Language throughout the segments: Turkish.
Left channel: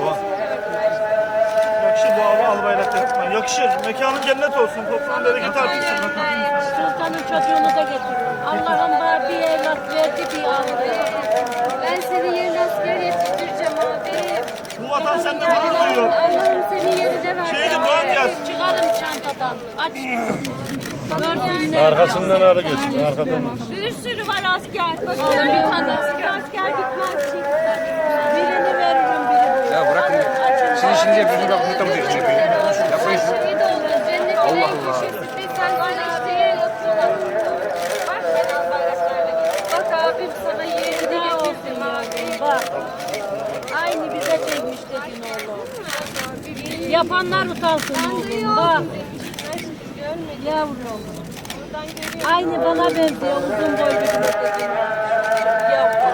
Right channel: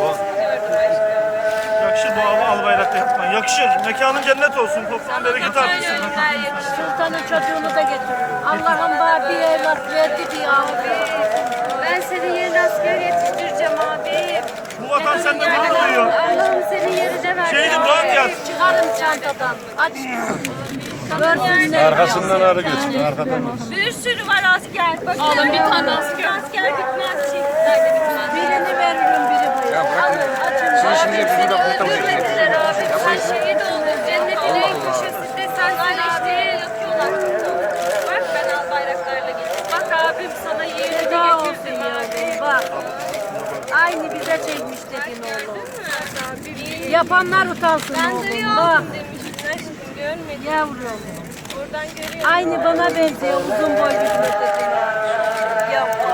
O, Yakışır bu hava al bayrakta yapman. Yakışır. Mekanın cennet olsun. Toplam bereket artırsın. Sultanın çocuğunu da getir. Evet. Allah'ım bari bir evet. evlat verdi evet. bir evet. ahire. Evet. Bu vatan senden Allah Allah ah, yani, ne Allah'ım senin yerine ver. Şeyde doğan yaz. Çıkalım çantadan. Aç. Dört Arkasından ara geçin. Arkadan Bir sürü var asker. Bakın bir tane asker. Allah, bir asker bitmez. Çiftler bitmez. Birini veririm biri bu. Ya bırakın. Alın, Sen şimdi bunu da kurtamayacaksın. Her şeyi de oldu. Cennetin Allah en köşesinde sensin abi. Bak ben al bayraklarla gittim. Bak abim sana yerini getirdim abi. Bak aynı bize şey dedi istedin oğlum. Erken, Yapanlar utansın ben oğlum. Bak. Yavrum. Aynı bana benziyor. Uzun boy bir seçim. Yavrum.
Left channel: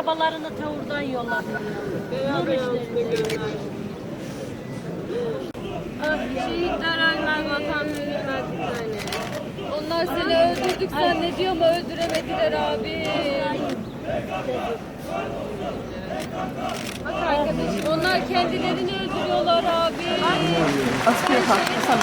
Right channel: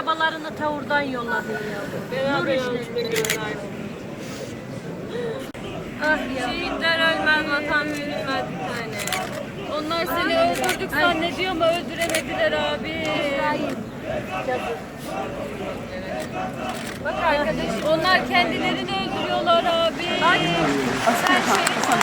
arabalarını Tevur'dan yolladılar. Şehitler ah, ah, ölmez, vatan ah, ölmez seni. Onlar seni öldürdük abi, zannediyor ay, mu? öldüremediler abi. Bak ah, arkadaşım, onlar kendilerini öldürüyorlar abi. Sen şehit ol.